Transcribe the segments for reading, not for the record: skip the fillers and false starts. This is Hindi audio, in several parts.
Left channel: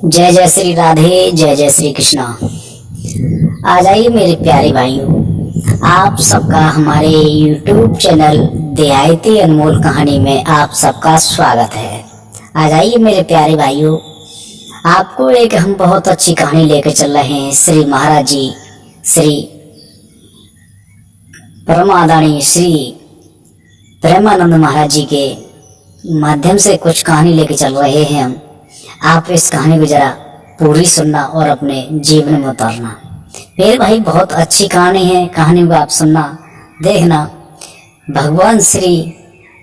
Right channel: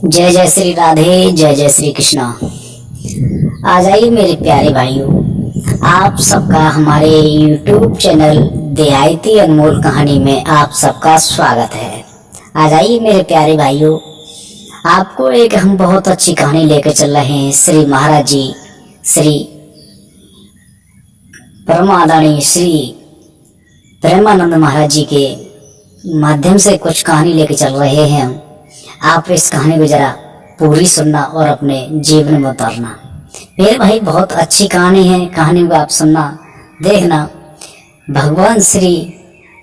जय जय श्री राधे, जय जय श्री कृष्णा। आ जाइए मेरे प्यारे भाइयों, आप सबका हमारे YouTube चैनल देहायती अनमोल कहानी में आप सबका स्वागत है। आ जाइए मेरे प्यारे भाइयों, आपको एक हम बहुत अच्छी कहानी लेकर चल रहे हैं। श्री महाराज जी, श्री परमादानी श्री प्रेमानंद महाराज जी के माध्यम से कुछ कहानी लेकर चल रहे हैं हम। आप इस कहानी को जरा पूरी सुनना और अपने जीवन में उतारना। मेरे भाई बहुत अच्छी कहानी है, कहानी को आप सुनना, देखना। भगवान श्री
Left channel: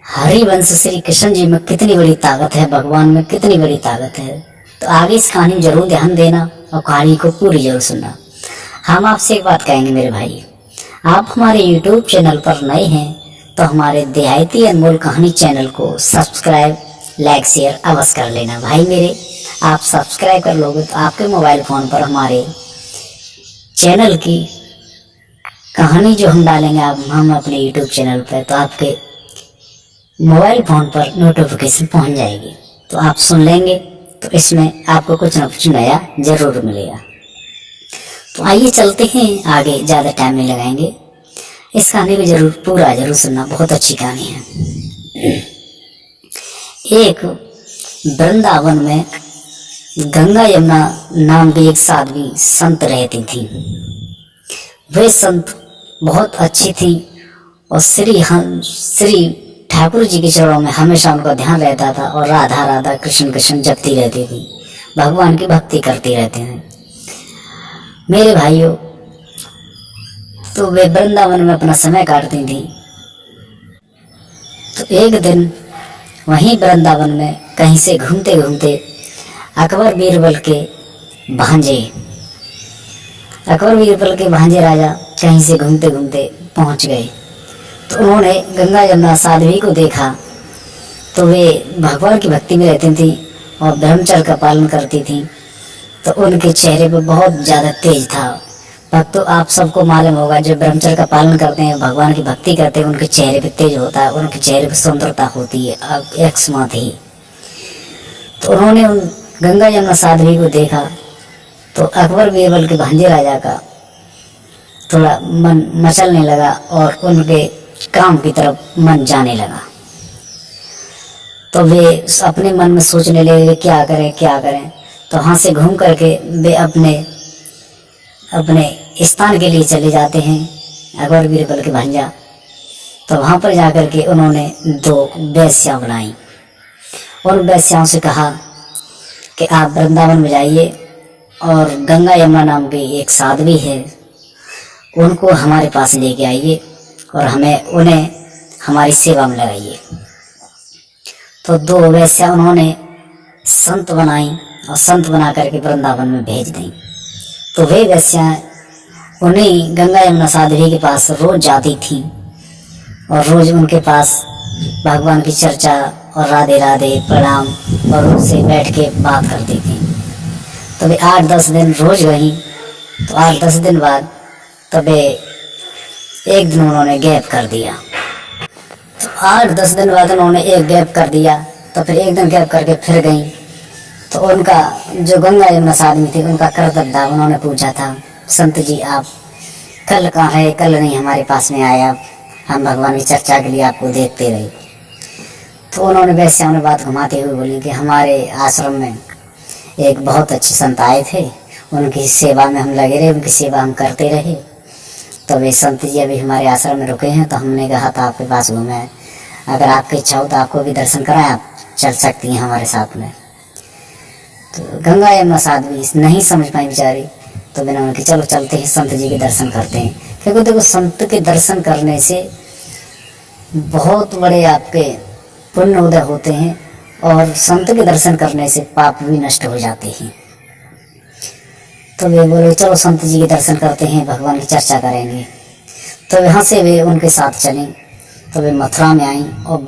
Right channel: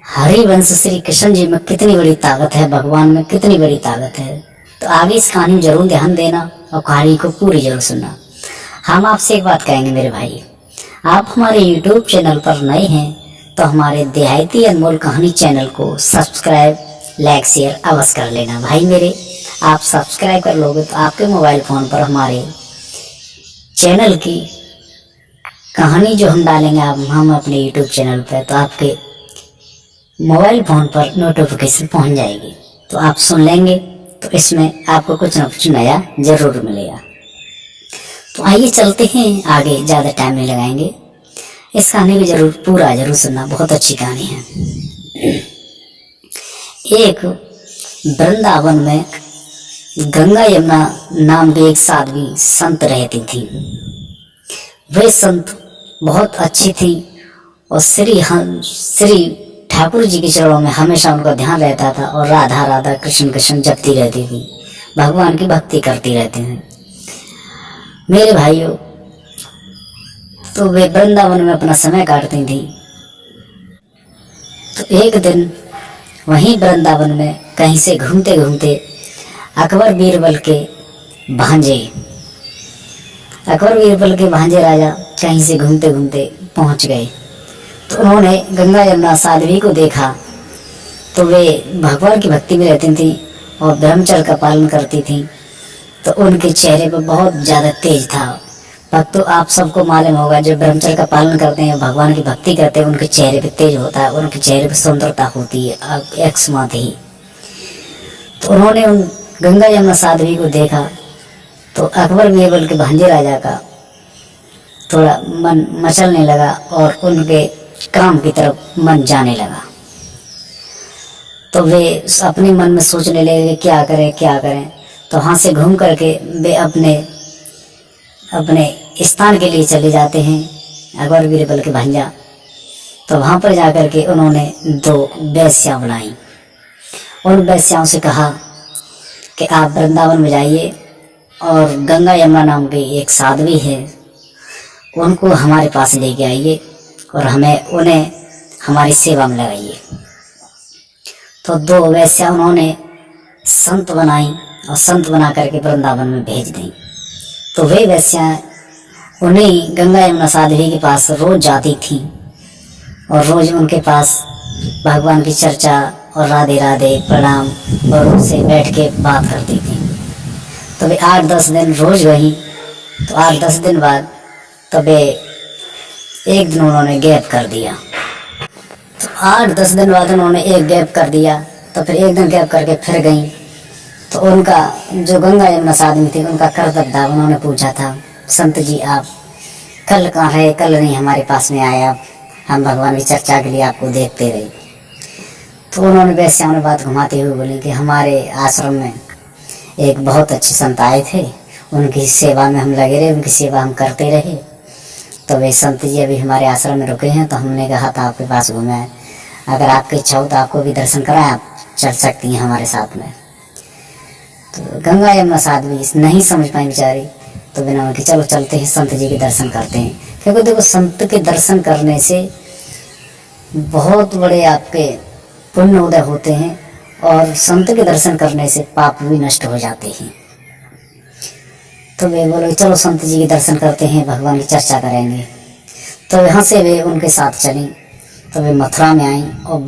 हरिवंश श्री कृष्ण जी में कितनी बड़ी ताकत है, भगवान में कितनी बड़ी ताकत है। तो आगे इस कहानी में जरूर ध्यान देना और कहानी को पूरी जरूर सुनना। हम आपसे एक बात कहेंगे मेरे भाई, आप हमारे YouTube चैनल पर नए हैं तो हमारे देहायती अनमोल कहानी चैनल को सब्सक्राइब, लाइक, शेयर अवश्य कर लेना। भाई मेरे, आप सब्सक्राइब कर लोगे तो आपके मोबाइल फ़ोन पर हमारे चैनल की कहानी जो हम डालेंगे हम अपने YouTube चैनल पर, तो आपके मोबाइल फ़ोन पर नोटिफिकेशन पहुंच जाएगी, तो आप सुन लेंगे। तो इसमें आपको कुछ ना कुछ नया ज़रूर मिलेगा। तो आइए चलते हैं आगे, ज़्यादा टाइम नहीं लगाएंगे। इस कहानी को जरूर सुनना, बहुत अच्छी कहानी है। एक वृंदावन में गंगा यमुना नाम की एक साध्वी संत रहती थी। वे संत बहुत अच्छी थी और श्री ठाकुर जी के चरणों में हमेशा उनका ध्यान रहता था और राधा राधा कृष्ण कृष्ण जपती रहती थी, भगवान की भक्ति करती रहते हैं। मेरे भाइयों, तो वे वृंदावन में अपना समय काटती थी। तो एक दिन वहीं वृंदावन में कहीं से घूमते घूमते अकबर बीरबल के भांजे राजा कहीं से घूमते घूमते पहुंच गए। तो उन्होंने गंगा यमुना साध्वी को देखा। तो वे भगवान की भक्ति में रहती थी और ब्रह्मचर्य का पालन करती थी। तो उनके चेहरे पर बहुत ज़्यादा तेज था। भक्तों, आप सबको मालूम होगा, जो ब्रह्मचर्य का पालन करते हैं, भगवान की भक्ति करते हैं, उनके चेहरे पे तेज होता है, उनके चेहरे पे सुंदरता होती है एक समात ही। तो उन्होंने उन गंगा यमुना साध्वी को देखा तो अकबर बीरबल के भांजे राजा का थोड़ा मन मचलने लगा और उनके काम की तरफ मन जाने लगा। तो वे अपने मन में सोचने लगे क्या करें। तो वहाँ से घूम करके वे अपने स्थान के लिए चले जाते हैं, अकबर बीरबल के भांजा। तो वहाँ पर जाकर के उन्होंने दो वेश्या बुलाई। उन वेश्याओं से कहा कि आप वृंदावन में जाइए और गंगा यमुना नाम की एक साध्वी है, उनको हमारे पास लेके आइए और उन्हें हमारी सेवा में लगाइए। तो दो वेश्या उन्होंने संत बनाई और संत बना करके वृंदावन में भेज दी। तो वे वेश्या उन्हीं गंगा यमुना साध्वी के पास रोज जाती थी और रोज उनके पास भगवान की चर्चा और राधे राधे प्रणाम और उनसे बैठ के बात करती थी। तो वे 8-10 दिन रोज गई। तो 8-10 दिन बाद तो वे एक दिन उन्होंने गैप कर दिया। तो 8-10 दिन बाद उन्होंने एक गैप कर दिया। तो फिर एक दिन गैप करके फिर गई। तो उनका जो गंगा यमुना साध्वी थी, उनका कर्तव्य था। उन्होंने पूछा था, संत जी आप कल कहाँ रहे? कल नहीं हमारे पास में आया, हम भगवान की चर्चा के लिए आपको देखते रहे। तो उन्होंने वैश्याओं ने बात घुमाते हुए बोली कि हमारे आश्रम में एक बहुत अच्छे संत आए थे, उनकी सेवा में हम लगे रहे, उनकी सेवा हम करते रहे। तो वे संत जी अभी हमारे आश्रम में रुके हैं, तो हमने कहा था आपके पास घूमें, अगर आपकी इच्छा हो तो आपको भी दर्शन कराएं, आप चल सकती हैं हमारे साथ में। तो गंगा यमुना साध्वी नहीं समझ पाई बेचारी। तो बिना कि चलो चलते हैं, संत जी के दर्शन करते हैं। क्योंकि देखो, संत के दर्शन करने से बहुत बड़े आपके पुण्य उदय होते हैं और संत के दर्शन करने से पाप भी नष्ट हो जाते हैं। तो वे बोले चलो संत जी के दर्शन करते हैं, भगवान की चर्चा करेंगे। तो यहाँ से वे उनके साथ चलें। तो वे मथुरा में आई और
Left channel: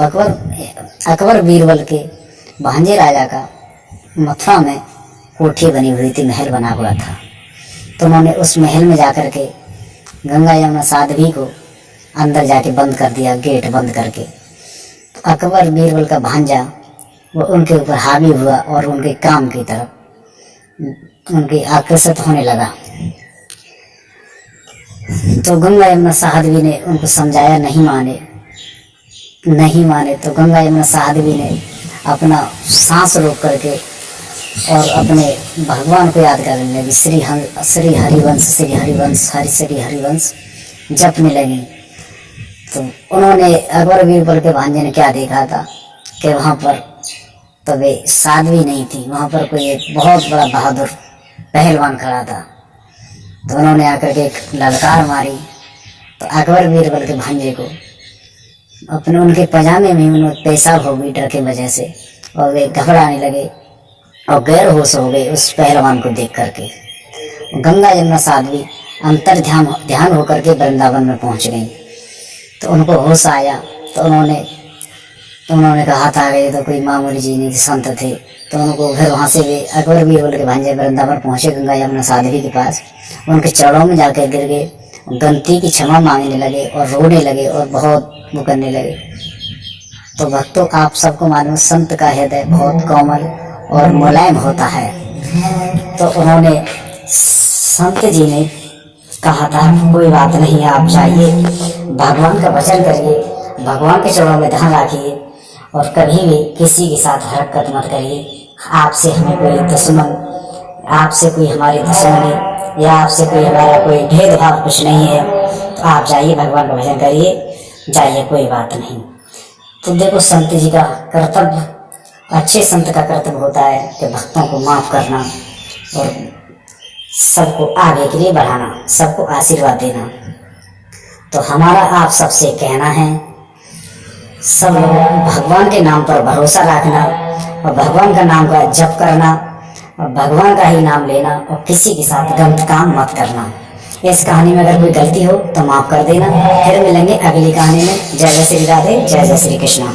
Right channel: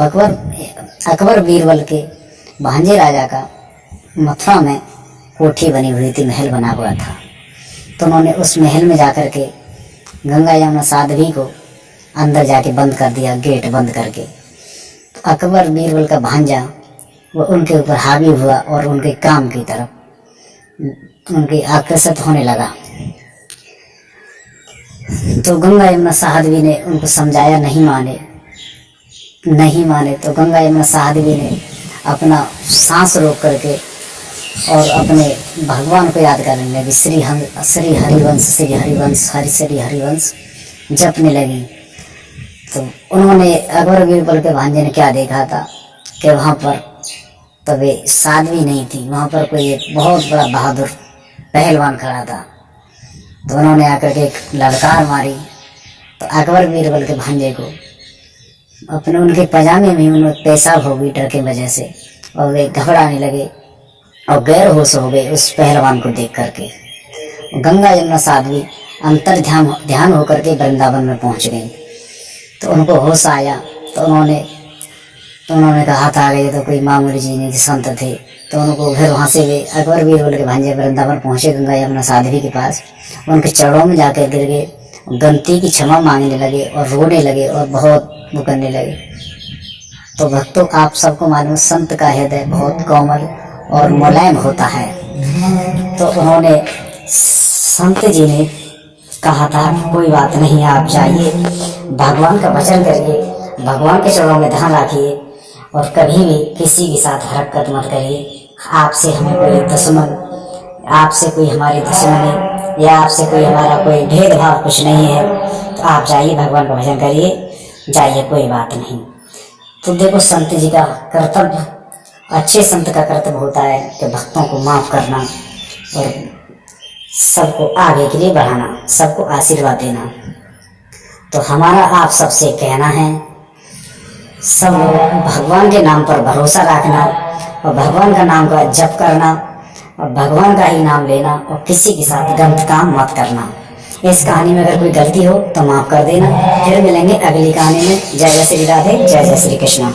अकबर बीरबल के भांजे राजा का मथुरा में कोठी बनी हुई थी, महल बना हुआ था। तो उन्होंने उस महल में जाकर के गंगा यमुना साध्वी को अंदर जाके बंद कर दिया, गेट बंद करके। तो अकबर बीरबल का भांजा वो उनके ऊपर हावी हुआ और उनके काम की तरफ उनके आकर्षित होने लगा। तो गंगा यमुना साध्वी ने उनको समझाया, नहीं माने तो गंगा यमुना साध्वी ने अपना सांस रोक करके और अपने भगवान को याद करने लगी। श्री हरिवंश जपने लगी। तो उन्होंने अकबर बीरबल के भांजे ने क्या देखा था कि वहाँ पर तो वे साध्वी नहीं थी, वहाँ पर कोई एक बहुत बड़ा बहादुर पहलवान खड़ा था। तो उन्होंने आकर के एक ललकार मारी। तो अकबर बीरबल के भांजे को अपने उनके पजामे में उन्हें पेशाब हो गई डर की वजह से, और वे घबराने लगे और गैर होश हो गए उस पहलवान को देख करके। गंगा यमुना साध्वी अंतर ध्यान होकर के वृंदावन में पहुंच गई। तो उनको होश आया। तो उन्होंने कहा था कि ये तो कोई मामूली जी नहीं, संत थे। तो उनको फिर वहाँ से वे अकबर बीरबल के भांजे वृंदावन पहुँचे गंगा यमुना साध्वी के पास। उनके चरणों में जाकर गिर गए, गलती की क्षमा मांगने लगे और रोने लगे और बहुत वो करने लगे। तो भक्तों, आप सबको मालूम, संत का हृदय बहुत कोमल और मुलायम होता है। तो उन्होंने, संत जी ने कहा था कि कोई बात नहीं, आप जाइए, भगवान का भजन करिए, भगवान के चरणों में ध्यान रखिए और कभी भी किसी के साथ हरकत मत करिए। आपसे हमें कोई दुश्मन, आपसे कोई हमारी दुश्मनी या आपसे कोई हमारा कोई भेदभाव कुछ नहीं है। तो आप जाइए, भगवान का भजन करिए, जाइए, कोई बात नहीं। तो देखो, संत जी का कर्तव्य, अच्छे संत का कर्तव्य होता है कि भक्तों को माफ़ करना और सबको आगे के लिए बढ़ाना, सबको आशीर्वाद देना। तो हमारा आप सबसे कहना है, सब लोग भगवान के नाम पर भरोसा रखना और भगवान का नाम का जप करना और भगवान का ही नाम लेना और किसी के साथ गलत काम मत करना। इस कहानी में अगर कोई गलती हो तो माफ़ कर देना। फिर मिलेंगे अगली कहानी में। जय जय श्री राधे, जय जय श्री कृष्णा।